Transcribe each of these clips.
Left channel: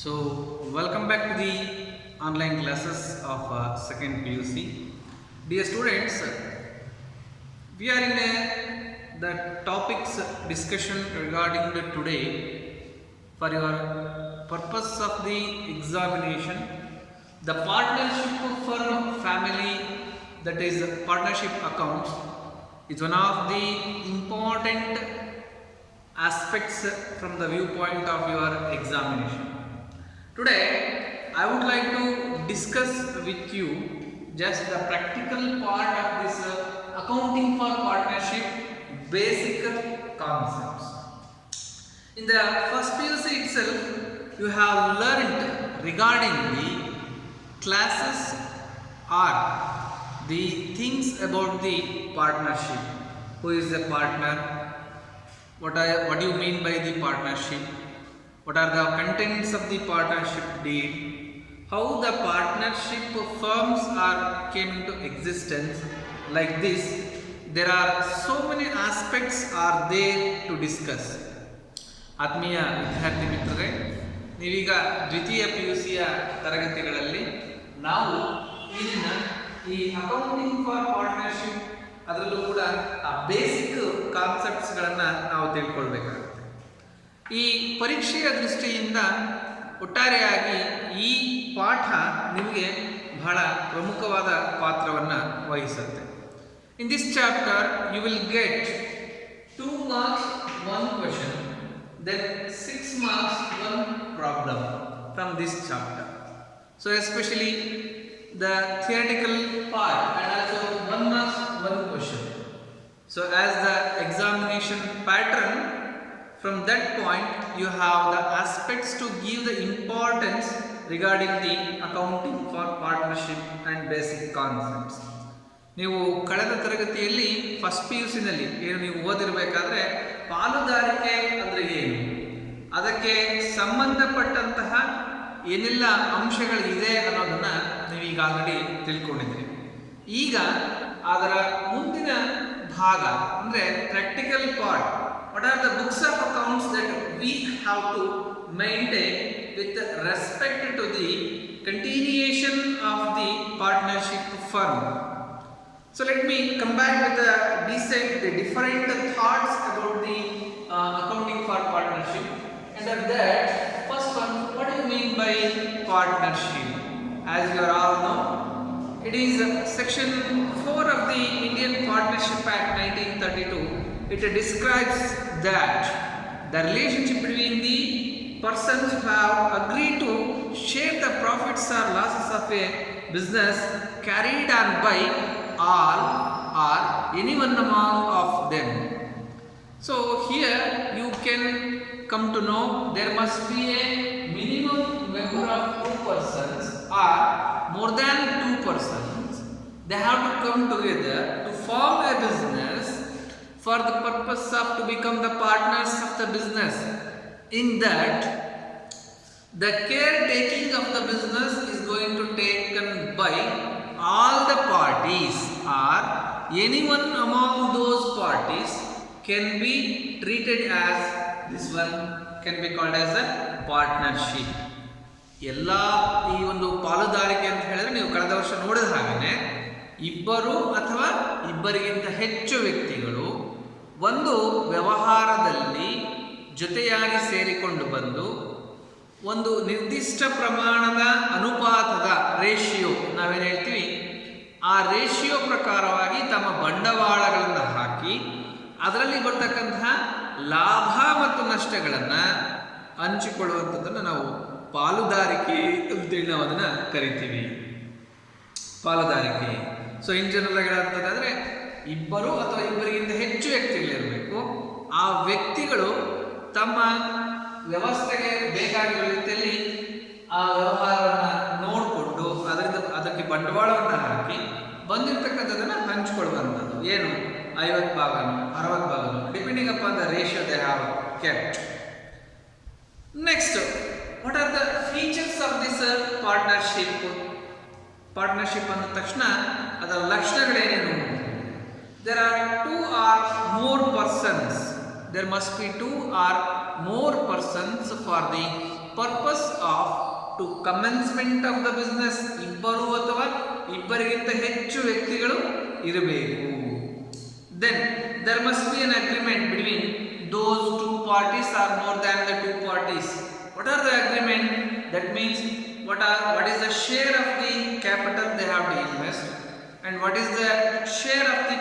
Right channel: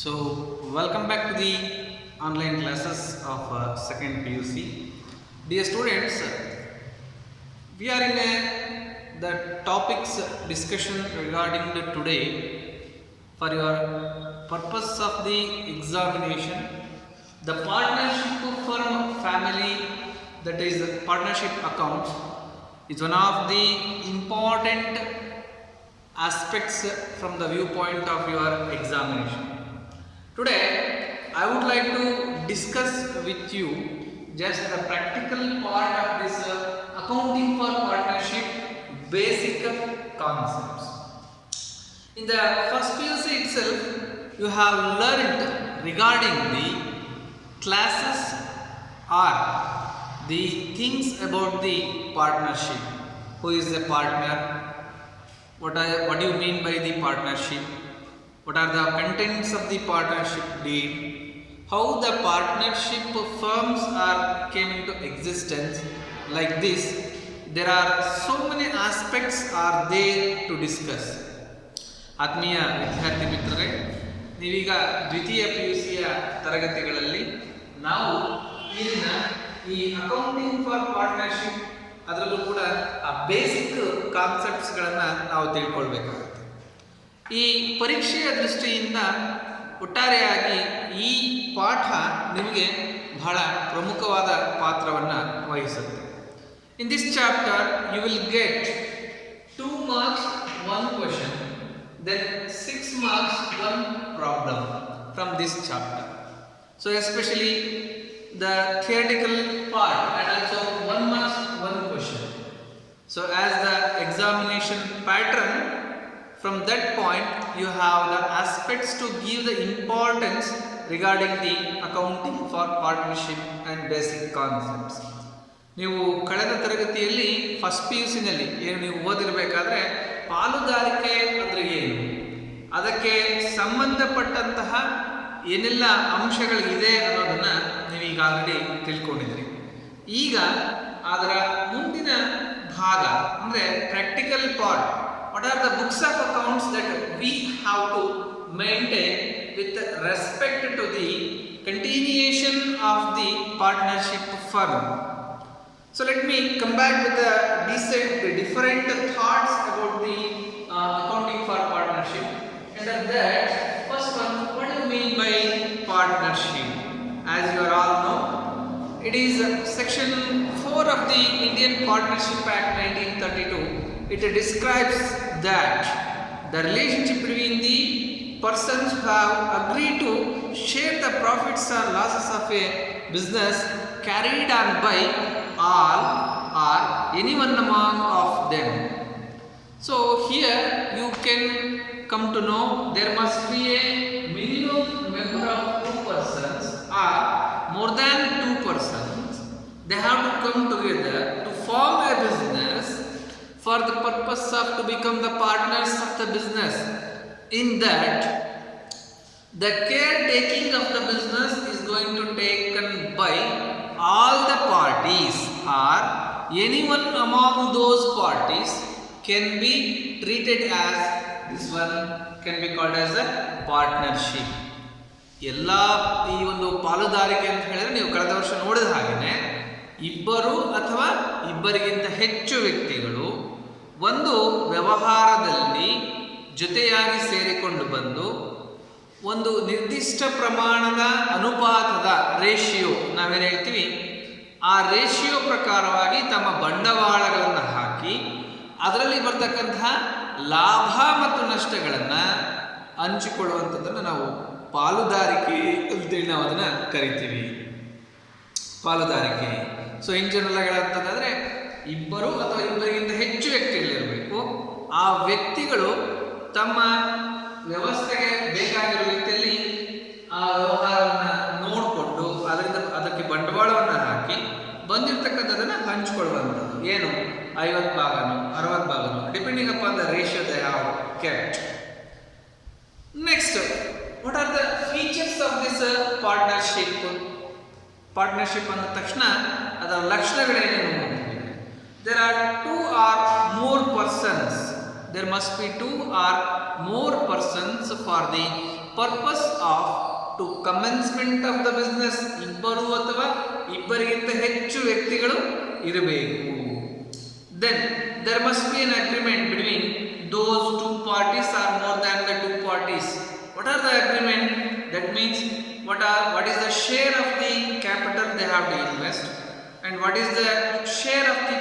So, welcome back to the online classes of second PUC. Dear students, we are in the topics discussion regarding the today for your purpose of the examination. The partnership firm family, that is partnership account, is one of the important aspects from the viewpoint of your examination. Today, I would like to discuss with you just the practical part of this accounting for partnership basic concepts. In the first PUC itself, you have learnt regarding the classes or the things about the partnership. Who is the partner? What do you mean by the partnership? What are the contents of the partnership deal? How the partnership firms came into existence? Like this, there are so many aspects are there to discuss. ಆತ್ಮೀಯ ವಿದ್ಯಾರ್ಥಿ ಮಿತ್ರರೇ, ನೀವೀಗ ದ್ವಿತೀಯ PUCಯ ತರಗತಿಗಳಲ್ಲಿ ನಾವು ಇಲ್ಲಿನ ಈ ಅಕೌಂಟಿಂಗ್ ಫಾರ್ ಪಾರ್ಟ್ನರ್ಶಿಪ್ ಅದರಲ್ಲೂ ಕೂಡ ಆ ಬೇಸಿಕ್ ಕಾನ್ಸೆಪ್ಟ್ಸ್ಗಳನ್ನು ನಾವು ತಿಳ್ಕೊಳ್ಬೇಕಾಗುತ್ತೆ. ಈ ಪರೀಕ್ಷೆಯ ದೃಷ್ಟಿಯಿಂದ ಒಟ್ಟಾರೆಯಾಗಿ ಈ ಪಾಠ ನಿಮಗೆ ಬಹಳ ಪ್ರಮುಖವಾದ ಪಾತ್ರವನ್ನು ವಹಿಸುತ್ತೆ. In this chapter you will get 2 marks 1 question, then 6 marks 1 problem from this chapter. So especially the theoretical part and also 1 marks 1 question. So as the examination pattern, from that point you have the aspects to give the importance regarding the accounting for partnership and basic concepts. ನೀವು ಕಳೆದ ತರಗತಿಯಲ್ಲಿ ಫಸ್ಟ್ PUCನಲ್ಲಿ ಏನು ನೀವು ಓದಿರಬೇಕಾದ್ರೆ ಪಾಲುದಾರಿಕೆ ಅಂದರೆ ಏನು, ಅದಕ್ಕೆ ಸಂಬಂಧಪಟ್ಟಂತಹ ಏನೆಲ್ಲ ಅಂಶಗಳಿದೆ ಅನ್ನೋದನ್ನು ನೀವೀಗ ಆಲ್ರೆಡಿ ತಿಳ್ಕೊಂಡಿದ್ದೀರಿ. ಈಗ ಅದರ ಮುಂದಿನ ಭಾಗ ಅಂದರೆ practical part. What are the books of accounts that we have to maintain with respect to the continuation of the partnership firm? So let me come back with the different thoughts about the accounting for partnership. And that first one, what do you mean by partnership? As you are all know, it is section 4 of the Indian Partnership Act 1932. It describes that the relationship between the persons who have agreed to share the profits or losses of a business carried on by all or any one among of them. So here you can come to know there must be a minimum member of 2 persons or more than 2 persons. They have to come together to form a business for the purpose of to become the partners of the business. In that, the caretaking of the business is going to taken by all the parties or anyone among those parties can be treated as this one can be called as a partnership. ಎಲ್ಲ ಈ ಒಂದು ಪಾಲುದಾರಿಕೆ ಅಂತ ಹೇಳಿದ್ರೆ ನೀವು ಕಳೆದ ವರ್ಷ ನೋಡಿದ ಹಾಗೆಯೇ ಇಬ್ಬರು ಅಥವಾ ಇಬ್ಬರಿಗಿಂತ ಹೆಚ್ಚು ವ್ಯಕ್ತಿಗಳು ಒಂದು ವ್ಯವಹಾರದಲ್ಲಿ ಜೊತೆಯಾಗಿ ಸೇರಿಕೊಂಡು ಬಂದು ಒಂದು ನಿರ್ದಿಷ್ಟ ಪ್ರಮಾಣದ ಅನುಪಾತದ ರೇಷಿಯೋ ನಾವೇನು ಹೇಳ್ತೀವಿ ಆ ರೇಷಿಯೋ ಪ್ರಕಾರವಾಗಿ ತಮ್ಮ ಬಂಡವಾಳಗಳನ್ನು ಹಾಕಿ ಅದರಲ್ಲಿ ಬರ್ತಕ್ಕಂತಹ ಲಾಭ ಮತ್ತು ನಷ್ಟಗಳನ್ನು ಹಂಚಿಕೊಳ್ಳುವಂಥದ್ದನ್ನು ನಾವು ಪಾಲುದಾರಿಕೆ ಅಂತೇಳಿ ನಾವು ಅದನ್ನು ಕರಿತೀವಿ. ಪಾಲುದಾರಿಕೆ. ಸೊ ಇನ್ ಜನರಲ್ ಆಗಿ ಹೇಳೋಂಥದ್ದಾದರೆ ಇಬ್ಬರು ಅಥವಾ ಇಬ್ಬರಿಗಿಂತ ಹೆಚ್ಚು ವ್ಯಕ್ತಿಗಳಿರಬೇಕು. ಆ ವ್ಯಕ್ತಿಗಳು ತಮ್ಮ ವ್ಯವಸ್ಥೆಗೆ ಬೇಕಾಗಿರೋ ರೀತಿಯಲ್ಲಿ ಆ ವ್ಯವಹಾರವನ್ನು ನೋಡಿಕೊಂಡು ಅದಕ್ಕೆ ಬಂಡವಾಳವನ್ನು ಹಾಕಿ ಬಂದಿರತಕ್ಕಂಥದ್ದನ್ನು ಹಂಚಿಕೊಳ್ಳುವಂಥದ್ದು. ಏನು 50 ಭಾಗನೋ 60 ಭಾಗನೋ depending upon the ratio they have kept. Next, what are the features of this partnership? Partnership ಅಂದ ತಕ್ಷಣ ಅದರ ಲಕ್ಷಣಗಳೇನೇನು? There are 2 or more persons there must be 2 or more persons for the purpose of to commencement of the business. ಇಬ್ಬರು ಅಥವಾ ಇಬ್ಬರಿಗಿಂತ ಹೆಚ್ಚು ವ್ಯಕ್ತಿಗಳು ಇರಬೇಕು. Then there must be an agreement between those two parties or more than the two parties. What are the agreement? That means what is the share of the capital they have to invest, and what is the share of the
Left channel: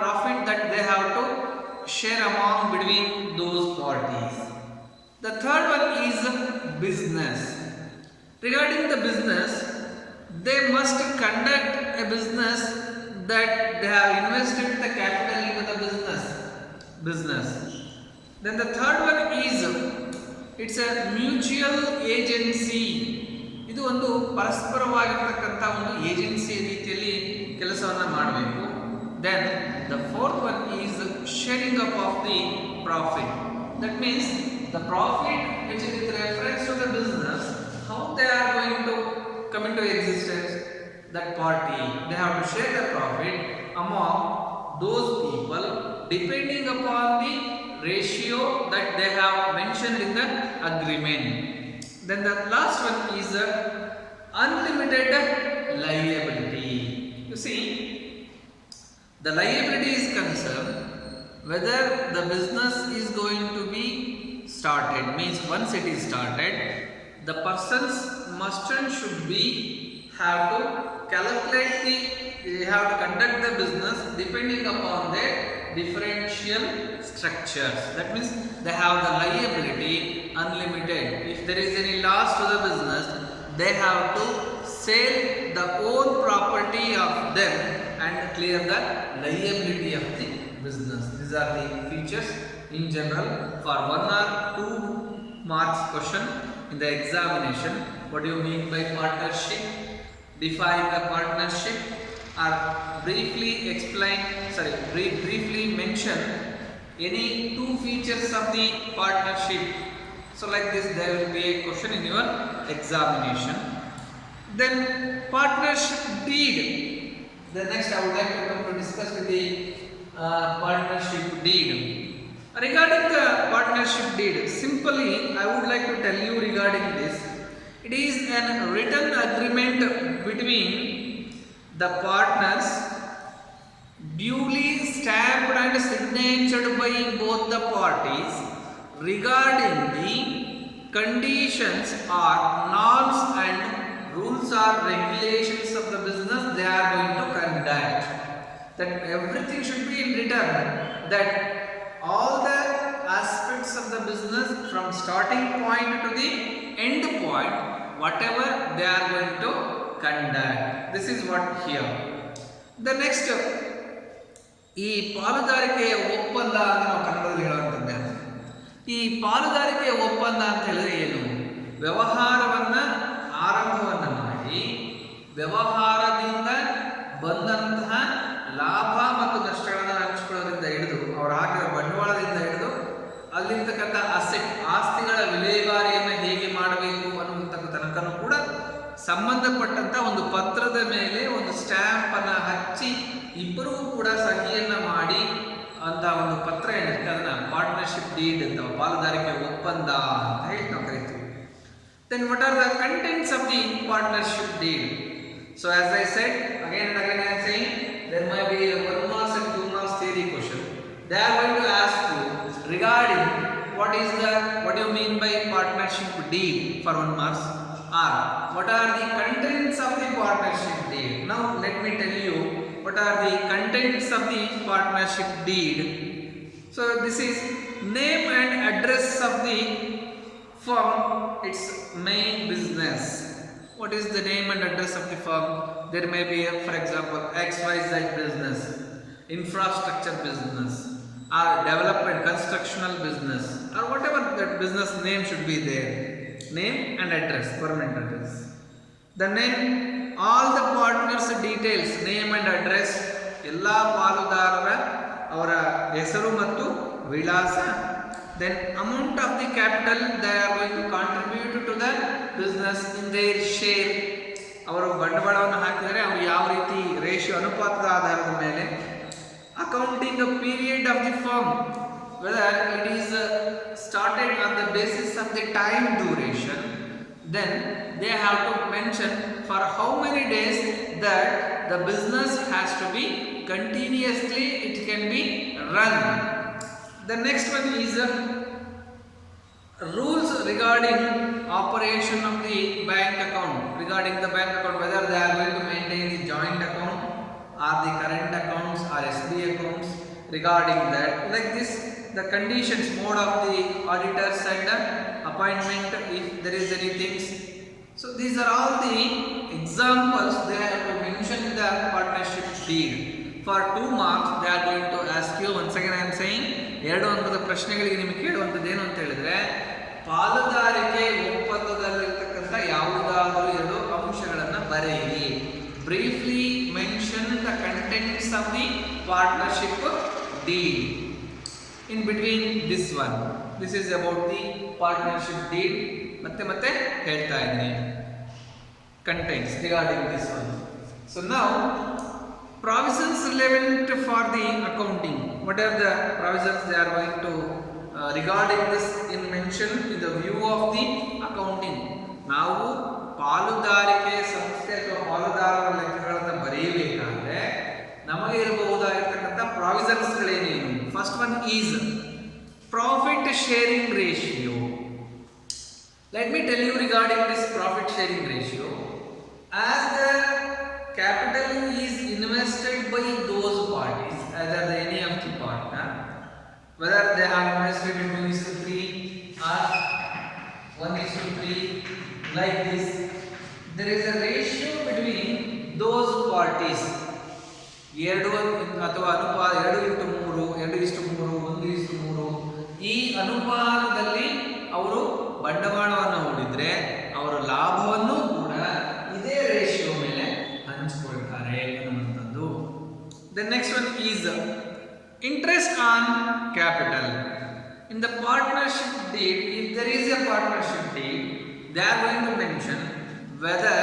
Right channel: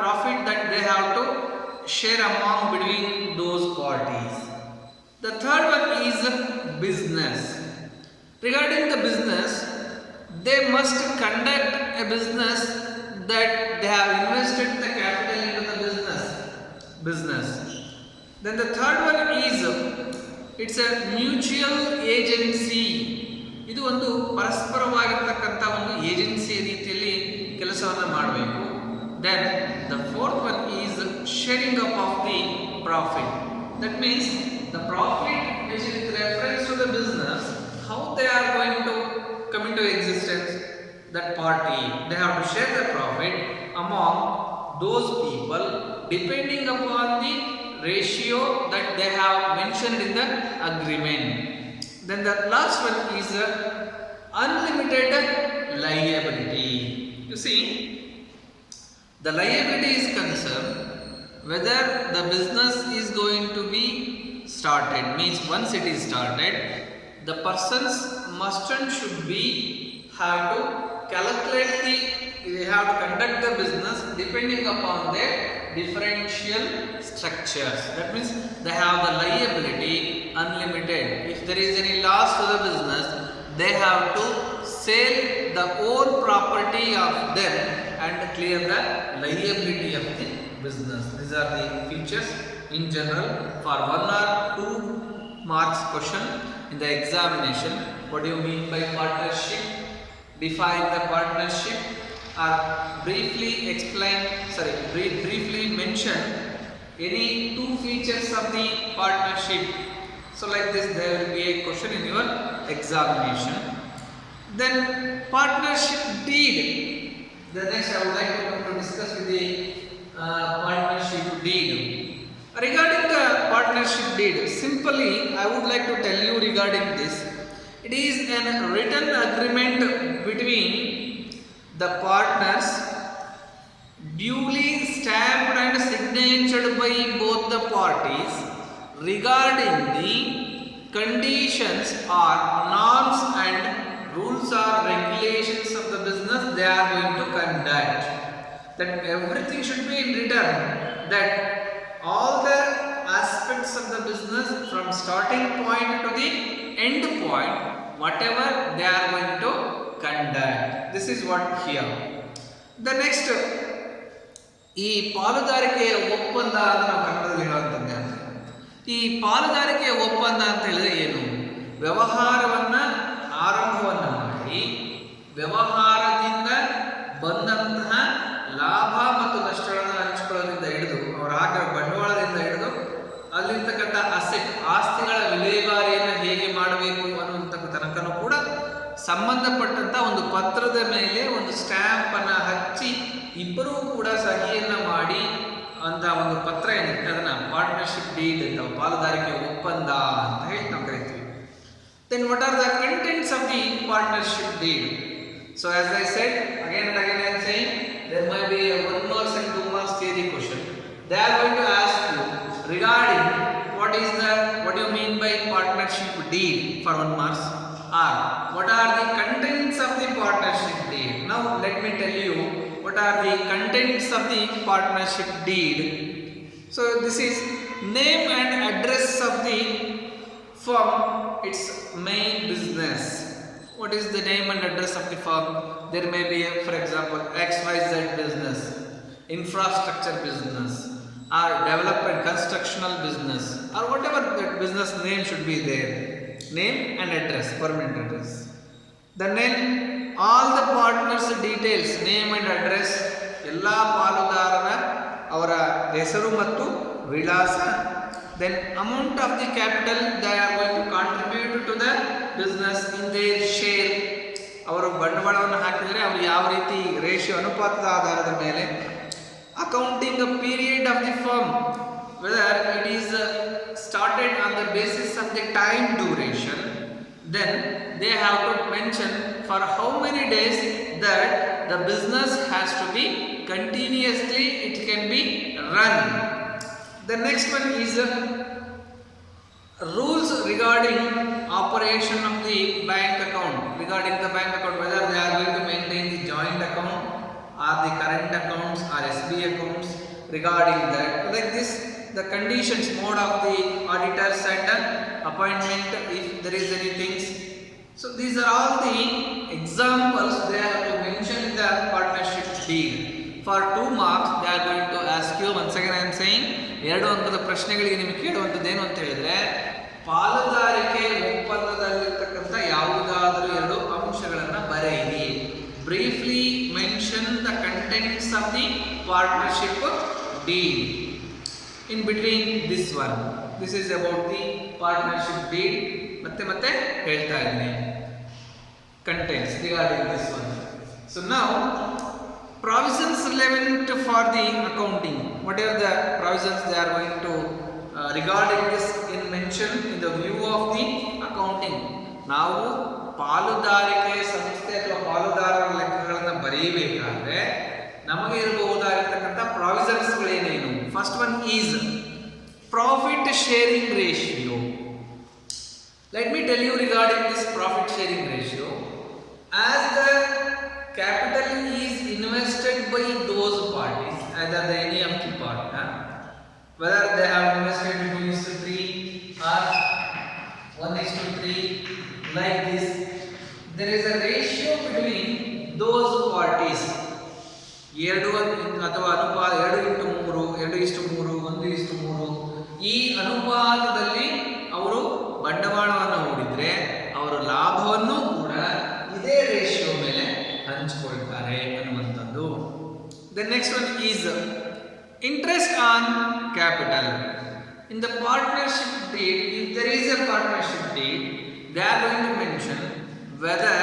profit that they have to share among between those parties. The third one is business. Regarding the business, they must conduct a business that they have invested the capital into the business. Then the third one is it's a mutual agency. ಇದು ಒಂದು ಪರಸ್ಪರವಾಗಿರತಕ್ಕಂಥ ಒಂದು ಏಜೆನ್ಸಿ ರೀತಿಯಲ್ಲಿ ಕೆಲಸವನ್ನು ಮಾಡಬೇಕು. Then the fourth one is sharing up of the profit. That means the profit which is with reference to the business, how they are going to come into existence, that party they have to share the profit among those people depending upon the ratio that they have mentioned in the agreement. Then the last one is unlimited liability. You see, the liability is concerned whether the business is going to be started, means once it is started, the persons must and should be have to calculate they have to conduct the business depending upon their differential structures. That means they have the liability unlimited. If there is any loss to the business, they have to sell the own property of them and clear the liability of the business. These are the features in general for 1 or 2 marks question in the examination. What do you mean by partnership? Define the partnership, or briefly mention any 2 features of the partnership. So like this there will be a question in your examination. Then partnership deed. The next I would like to come to discuss with the partnership deed. Regarding the partnership deed, simply I would like to tell you regarding this. It is a written agreement between the partners, duly stamped and signatured by both the parties, regarding the conditions or norms and rules or regulations of the business they are going to conduct. That everything should be in written, that all the aspects of the business from starting point to the end point, whatever they are going to conduct. This is what here. The next, ಈ ಪಾಲುದಾರಿಕೆಯ ಒಪ್ಪಂದ ಅಂತ ನಾವು ಕನ್ನಡದಲ್ಲಿ ಹೇಳುವಂಥದ್ದೇ. ಈ ಪಾಲುದಾರಿಕೆಯ ಒಪ್ಪಂದ ಅಂತ ಹೇಳಿದ್ರೆ ಏನು? ವ್ಯವಹಾರವನ್ನು ಆರಂಭವನ್ನು ಮಾಡಿ ವ್ಯವಹಾರದಿಂದ ಬಂದಂತಹ ಲಾಭ ಮತ್ತು ನಷ್ಟಗಳನ್ನು ಹಂಚಿಕೊಳ್ಳೋದ್ರಿಂದ ಹಿಡಿದು ಅವರು ಹಾಕಿರೋ ಬಂಡವಾಳದಿಂದ ಹಿಡಿದು ಅಲ್ಲಿರ್ತಕ್ಕಂಥ ಆಸ್ತಿಗಳ ವಿಲೇವಾರಿಯನ್ನು ಹೇಗೆ ಮಾಡಬೇಕು ಅನ್ನುವಂಥ ತನಕನೂ ಕೂಡ ಸಂಬಂಧಪಟ್ಟಂಥ ಒಂದು ಪತ್ರದ ಮೇಲೆ ಒಂದು ಸ್ಟ್ಯಾಂಪನ್ನು ಹಚ್ಚಿ ಇಬ್ಬರೂ ಕೂಡ ಸಹಿಯನ್ನು ಮಾಡಿ ಅಂತ ಒಂದು ಪತ್ರ ಏನಿರುತ್ತೆ ಅದನ್ನು ಪಾರ್ಟ್ನರ್ಶಿಪ್ ಡೀಡ್ ಅಂತ, ಪಾಲುದಾರಿಕೆ ಒಪ್ಪಂದ ಅಂತ ಹೇಳಿ ನಾವು ಕರಿತೀವಿ. Then what are the contents of the partnership deed? So as I said, again and again I am saying, there might be a 1 marks and 2 marks theory question. They are going to ask you regarding what do you mean by partnership deed for 1 marks, or what are the contents of the partnership deed. Now let me tell you what are the contents of the partnership deed. So this is name and address of the firm, its main business. What is the name and address of the firm? There may be for example XYZ business, infrastructure business, or development constructional business, or whatever that business name should be there. Name and address, permanent address. The name, all the partners details, name and address, ಎಲ್ಲ ಪಾಲುದಾರರ ಅವರ ಹೆಸರು ಮತ್ತು ವಿಳಾಸ. Then amount of the capital they are going to contribute to the business in their share. ಅವರು ಬಂಡವಾಳವನ್ನು ಹಾಕಿದರೆ ಅವರು ಯಾವ ರೀತಿ ರೇಷಿಯೋ ಅನುಪಾತದ ಆಧಾರದ ಮೇಲೆ. Accounting period of the firm, whether it is started on the basis of the time duration, then they have to mention for how many days that the business has to be continuously it can be run. The next one is rules regarding operation of the bank account, regarding the bank account, whether they are going to maintain the joint account or the current accounts or SB accounts. Regarding that, like this, the conditions, mode of the auditors and appointment, if there is anything. So these are all the examples they have to mention in the partnership deed. For 2 marks they are going to ask you. Once again I am saying, 2 ಅಂಕದ ಪ್ರಶ್ನೆಗಳಿಗೆ ನಿಮಗೆ ಕೇಳುವಂಥದ್ದು ಏನು ಅಂತ ಹೇಳಿದ್ರೆ, ಪಾಲುದಾರಿಕೆ ಒಪ್ಪಂದದಲ್ಲಿರ್ತಕ್ಕಂಥ ಯಾವುದಾದರೂ 2 ಅಂಶಗಳನ್ನು ಬರೆಯಿರಿ. Briefly mention the contents of the partnership deed. In between this one, this is about the partnership deed. ಮತ್ತೆ ಹೇಳ್ತಾ ಇದ್ದೀನಿ contents regarding this one. So now provisions relevant for the accounting. What are the provisions they are going to regarding this in mention in the view of the accounting? ನಾವು ಪಾಲುದಾರಿಕೆ ಸಂಸ್ಥೆ ಅಥವಾ ಪಾಲುದಾರರ ಲೆಕ್ಕಗಳನ್ನು ಬರೆಯಬೇಕಾದ್ರೆ ನಮಗೆ ಇರಬಹುದಾಗಿರ್ತಕ್ಕಂಥ ಪ್ರಾವಿಷನ್ಸ್ಗಳೇನೇನು. First one is profit sharing ratio. Let me tell you regarding this profit sharing ratio. As the capital is invested by those parties, either the any of the partner, whether they have invested 2:3 or 1:3, like this, there is a ratio between those parties. 2 ಅಥವಾ ಅನುಪಾತ 2:3, 2:3, 1:3, ಈ ಅನುಪಾತದಲ್ಲಿ ಅವರು ಬಂಡವಾಳವನ್ನು ಹೂಡಿದ್ರೆ ಅವರ ಲಾಭವನ್ನು ಕೂಡ ಇದೇ ರೇಷಿಯೋ ಮೇಲೆ ಹಂಚಿಕೊಳ್ತಾರೆ ಅನ್ನುವಂಥದ್ದು. The next one is interest on capital. In the partnership deed, if there is a partnership deed, they are going to mention whether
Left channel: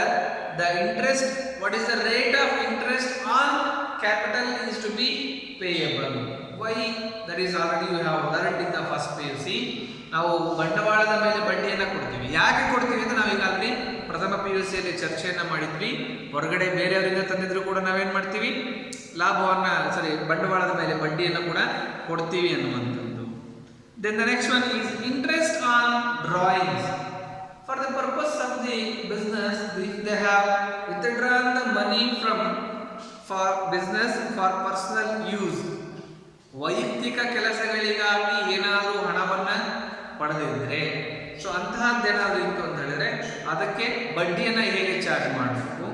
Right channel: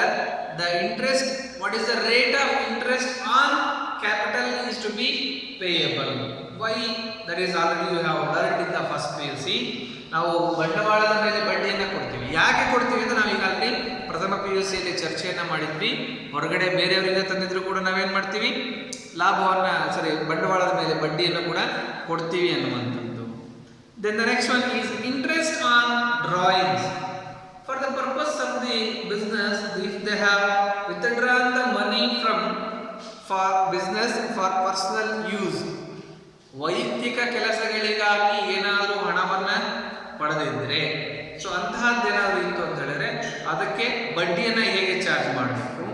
the interest, what is the rate of interest on capital is to be payable. Why? That is already you have learned in the first PUC. ನಾವು ಬಂಡವಾಳದ ಮೇಲೆ ಬಡ್ಡಿಯನ್ನು ಕೊಡ್ತೀವಿ. ಯಾಕೆ ಕೊಡ್ತೀವಿ ಅಂತ ನಾವು ಈಗಾಗಲೇ ಪ್ರಥಮ PUCಯಲ್ಲಿ ಚರ್ಚೆಯನ್ನು ಮಾಡಿದ್ವಿ. ಹೊರಗಡೆ ಬೇರೆಯವರಿಂದ ತಂದಿದ್ರು ಕೂಡ ನಾವೇನು ಮಾಡ್ತೀವಿ, ಲಾಭವನ್ನು ಬಂಡವಾಳದ ಮೇಲೆ ಬಡ್ಡಿಯನ್ನು ಕೂಡ ಕೊಡ್ತೀವಿ ಅನ್ನುವಂಥದ್ದು. Then the next one is interest on drawings. For the purpose of the business, if they have withdrawn the money from for business for personal use, ವೈಯಕ್ತಿಕ ಕೆಲಸಗಳಿಗಾಗಿ ಏನಾದರೂ ಹಣವನ್ನು ಪಡೆದಿದ್ದರೆ, ಸೊ ಅಂತಹದ್ದೇನಾದರೂ ಇತ್ತು ಅಂತ ಹೇಳಿದ್ರೆ ಅದಕ್ಕೆ ಬಡ್ಡಿಯನ್ನು ಹೇಗೆ ಚಾರ್ಜ್ ಮಾಡಬೇಕು.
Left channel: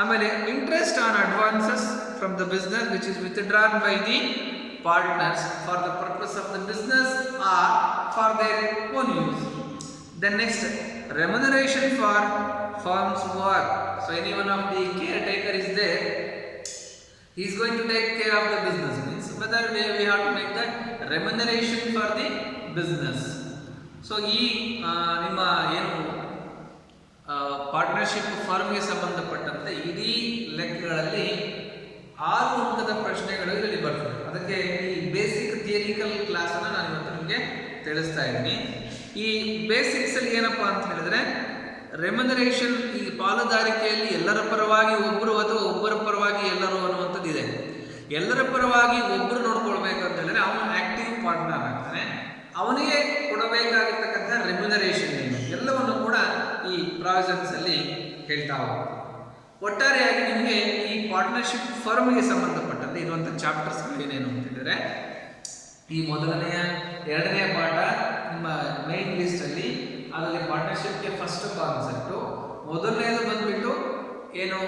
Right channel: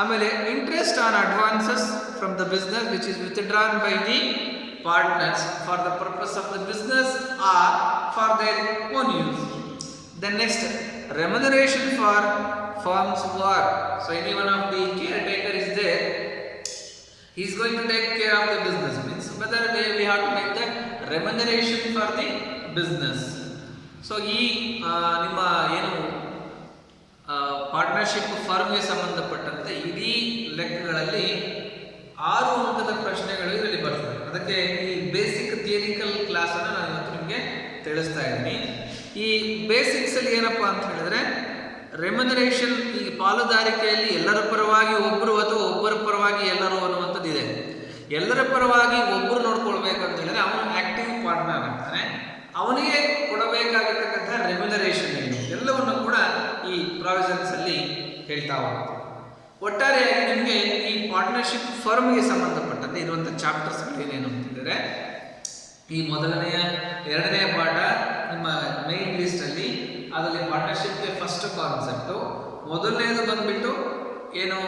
ಆಮೇಲೆ interest on advances from the business which is withdrawn by the partners for the purpose of the business or for their own use. Then next remuneration for firm's work. So any one of the caretaker is there, he is going to take care of the business, means whether we have to make that remuneration for the business. So ಈ ನಿಮ್ಮ ಏನು ಪಾರ್ಟ್ನರ್ಶಿಪ್ ಫರ್ಮ್ಗೆ ಸಂಬಂಧಪಟ್ಟಂತೆ ಇಡೀ ಲೆಕ್ಕಗಳಲ್ಲಿ 6 ಅಂಕದ ಪ್ರಶ್ನೆಗಳು ಇದರಲ್ಲಿ ಬರ್ತವೆ. ಅದಕ್ಕೆ ಈ ಬೇಸಿಕ್ ಥಿಯರಿಕಲ್ ಕ್ಲಾಸನ್ನು ನಾನು ಇವತ್ತು ನಿಮಗೆ ತಿಳಿಸ್ತಾ ಇದ್ದೀನಿ. ಈ ಬೇಸಿಕ್ಸಲ್ಲಿ ಏನಪ್ಪ ಅಂತ ಹೇಳಿದ್ರೆ, ರೆಮ್ಯುನರೇಷನ್, ಈ ಪಾಲುದಾರಿಕೆಯಲ್ಲಿ ಎಲ್ಲರ ಪರವಾಗಿ ಒಬ್ಬರು ಅಥವಾ ಒಬ್ಬರ ಪರವಾಗಿ ಎಲ್ಲರೂ ಅನ್ನುವಂಥದ್ದು ಇದೆ. ಎಲ್ಲರ ಪರವಾಗಿ ಒಬ್ಬರು ನೋಡ್ಕೊಳ್ಬೇಕು ಅಂತ ಹೇಳಿದ್ರೆ ಅವನು ಆಕ್ಟಿವ್ ಪಾರ್ಟ್ನರ್ ಆಗ್ತಾನೆ. ಅವನಿಗೆ ಕೊಡಬೇಕಾಗಿರ್ತಕ್ಕಂಥ ರೆಮ್ಯುನರೇಷನ್ ಏನು ಎಲ್ಲವನ್ನು ಕೂಡ ಈ ಪ್ರಾವಿಷನ್ಸಲ್ಲಿ ಹೇಳ್ತಾ ಹೋಗ್ತೀವಿ. ಒಟ್ಟಾರೆಯಾಗಿ ನಿಮಗೆ ಈ ಪಾರ್ಟ್ನರ್ಶಿಪ್ ಫರ್ಮ್ಗೆ ಸಂಬಂಧಪಟ್ಟಂತೆ ಇರುವಂಥ ಚಾಪ್ಟರ್ಸ್ಗಳು ಏನೇನು ಅಂತ ಹೇಳಿದರೆ, ಈ ಮೊದಲನೆಯ 2ನೇ ಪಾಠ ನಿಮ್ಮ ಮೇನ್ ಲಿಸ್ಟಲ್ಲಿ, ಅದರಲ್ಲಿ ಪಾರ್ಟ್ನರ್ಶಿಪ್ಗೆ ಫಸ್ಟ್ ಕಾನ್ಸೆಪ್ಟು. ಮೊದಲನೇದು ಬಂದುಬಿಟ್ಟು ಏನು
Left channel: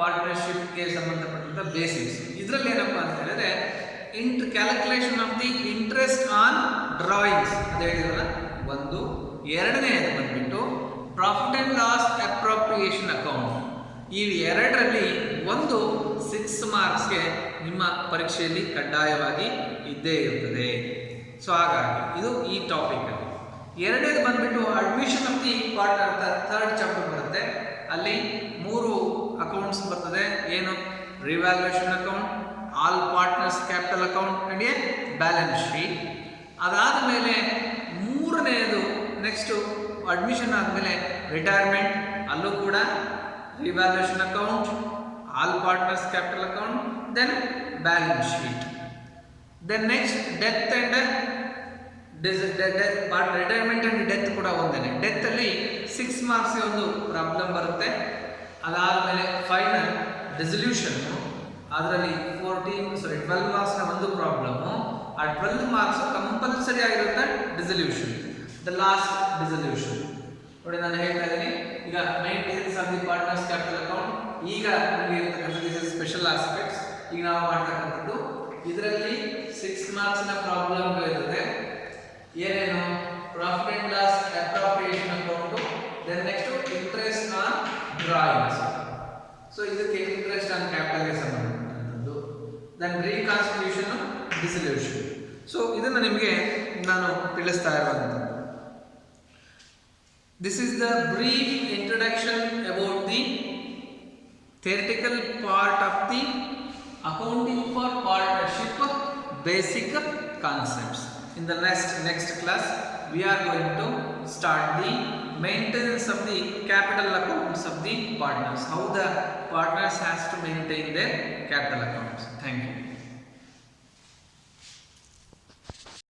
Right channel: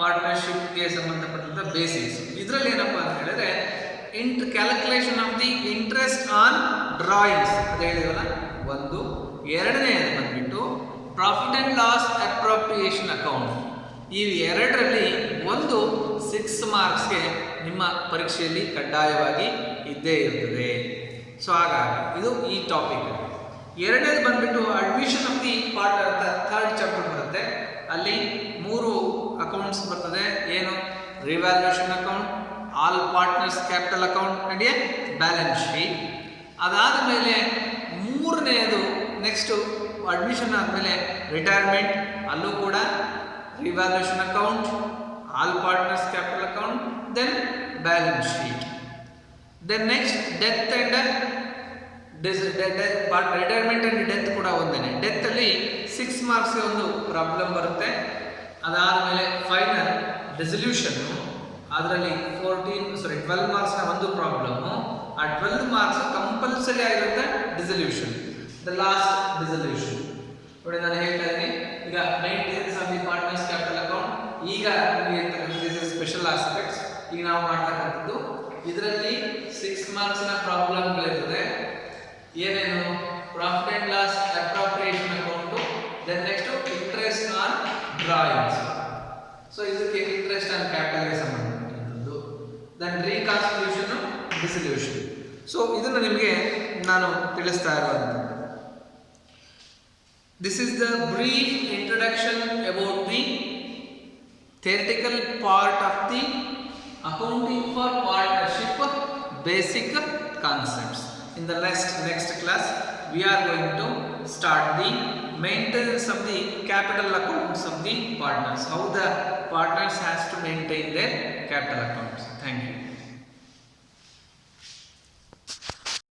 ಪಾರ್ಟ್ನರ್ಶಿಪ್ಗೆ ಸಂಬಂಧಪಟ್ಟಂಥ ಬೇಸಿಕ್ಸ್. ಇದರಲ್ಲಿ ಏನಪ್ಪ ಅಂತ ಹೇಳಿದ್ರೆ calculation of the interest on drawings ಅದು ಹೇಳಿದ್ವಲ್ಲ ಒಂದು. 2ನೇದು ಬಂದುಬಿಟ್ಟು profit and loss appropriation account. ಈ 2ರಲ್ಲಿ ಒಂದು 6 ಮಾರ್ಕ್ಸ್ಗೆ ನಿಮ್ಮ ಪರೀಕ್ಷೆಯಲ್ಲಿ ಕಡ್ಡಾಯವಾಗಿ ಇದ್ದೇ ಇರ್ತದೆ. ಸೊ ಹಾಗಾಗಿ ಇದು ಈ ಟಾಪಿಕಲ್ಲಿ. 2ನೇದು ಬಂದುಬಿಟ್ಟು ಅಡ್ಮಿಷನ್ ಆಫ್ ದಿ ಪಾರ್ಟ್ ಅಂತ 3rd ಚಾಪ್ಟರ್ ಬರುತ್ತೆ. ಅಲ್ಲಿ 3 ಅಕೌಂಟ್ಸ್ ಬರ್ತದೆ. ಏನು? Revaluation account, all partners capital account and a balance sheet. ಅದಾದ ಮೇಲೆ ಮೂರನೆಯದು ನೆಕ್ಸ್ಟು ಅಡ್ಮಿಷನ್ ಆದಮೇಲೆ ರಿಟೈರ್ಮೆಂಟ್, ಅಲ್ಲೂ ಕೂಡ revaluation account, all partners capital account, then balance sheet. Then next death and retirement and death ಕೂಡ ಒಂದೇ. ಡೆತ್ತಲ್ಲಿ 6 ಮಾರ್ಕ್ಸ್ಗೆ ಒಂದು ಪ್ರಾಬ್ಲಮ್ ಬರುತ್ತೆ. ಅದಾದಮೇಲೆ ಫೈನಲ್ ಡಿಸಲ್ಯೂಷನ್ನು, ಅದರಲ್ಲಿ 12 ಮಾರ್ಕ್ಸ್ನ ಒಂದು ಪ್ರಾಬ್ಲಮ್ಮು. ಆ 12 ಮಾರ್ಕ್ಸ್ ಕಂಪಲ್ಸರಿ ಆಗಿರುತ್ತೆ ಡಿಸಲ್ಯೂಷನ್, ದ ಲಾಸ್ಟ್ ಡಿಸಲ್ಯೂಷನ್. ನೋಡಿ ನಾನು ಹೇಳ್ತಾ ಇದ್ದೀನಿ, ಈಗ main details of the partners capital account ಈಗ ನಿಮಗೆ ಇರ್ತಕ್ಕಂಥದ್ದು ಇಸ್ ಸ್ಪೆಷಲ್ ಆಸ್ಪೆಕ್ಟ್ಸ್. ಈಗ ನಾವು ಮಾಡ್ತಕ್ಕಂಥದ್ದು ಇದರಲ್ಲಿ 6 ಮಾರ್ಕ್ಸ್ನ ಪ್ರಾಬ್ಲಮ್ಗಳಿರ್ತದೆ. ಏನೇನು? Profit and loss appropriation account, then next interest on drawings, so ಇದಕ್ಕೆ ಇಂಟ್ರೆಸ್ಟ್ ಆನ್ ಕ್ಯಾಪಿಟಲ್ಗೆ ಸಂಬಂಧಪಟ್ಟಂಥದ್ದು. Then reconstitution, dissolution. ಸೊ ಇದನ್ನು ನಿಮಗೆ ನಾನು ತಿಳಿಸ್ತಾ ಇರುವಂಥದ್ದು. This is the brief introduction about the theoretical part of the accounting for partnership basic concepts. In the next class we are going to start the maintenance of the capital accounts of the partners, how the partners has to maintain their capital accounts. Thank you.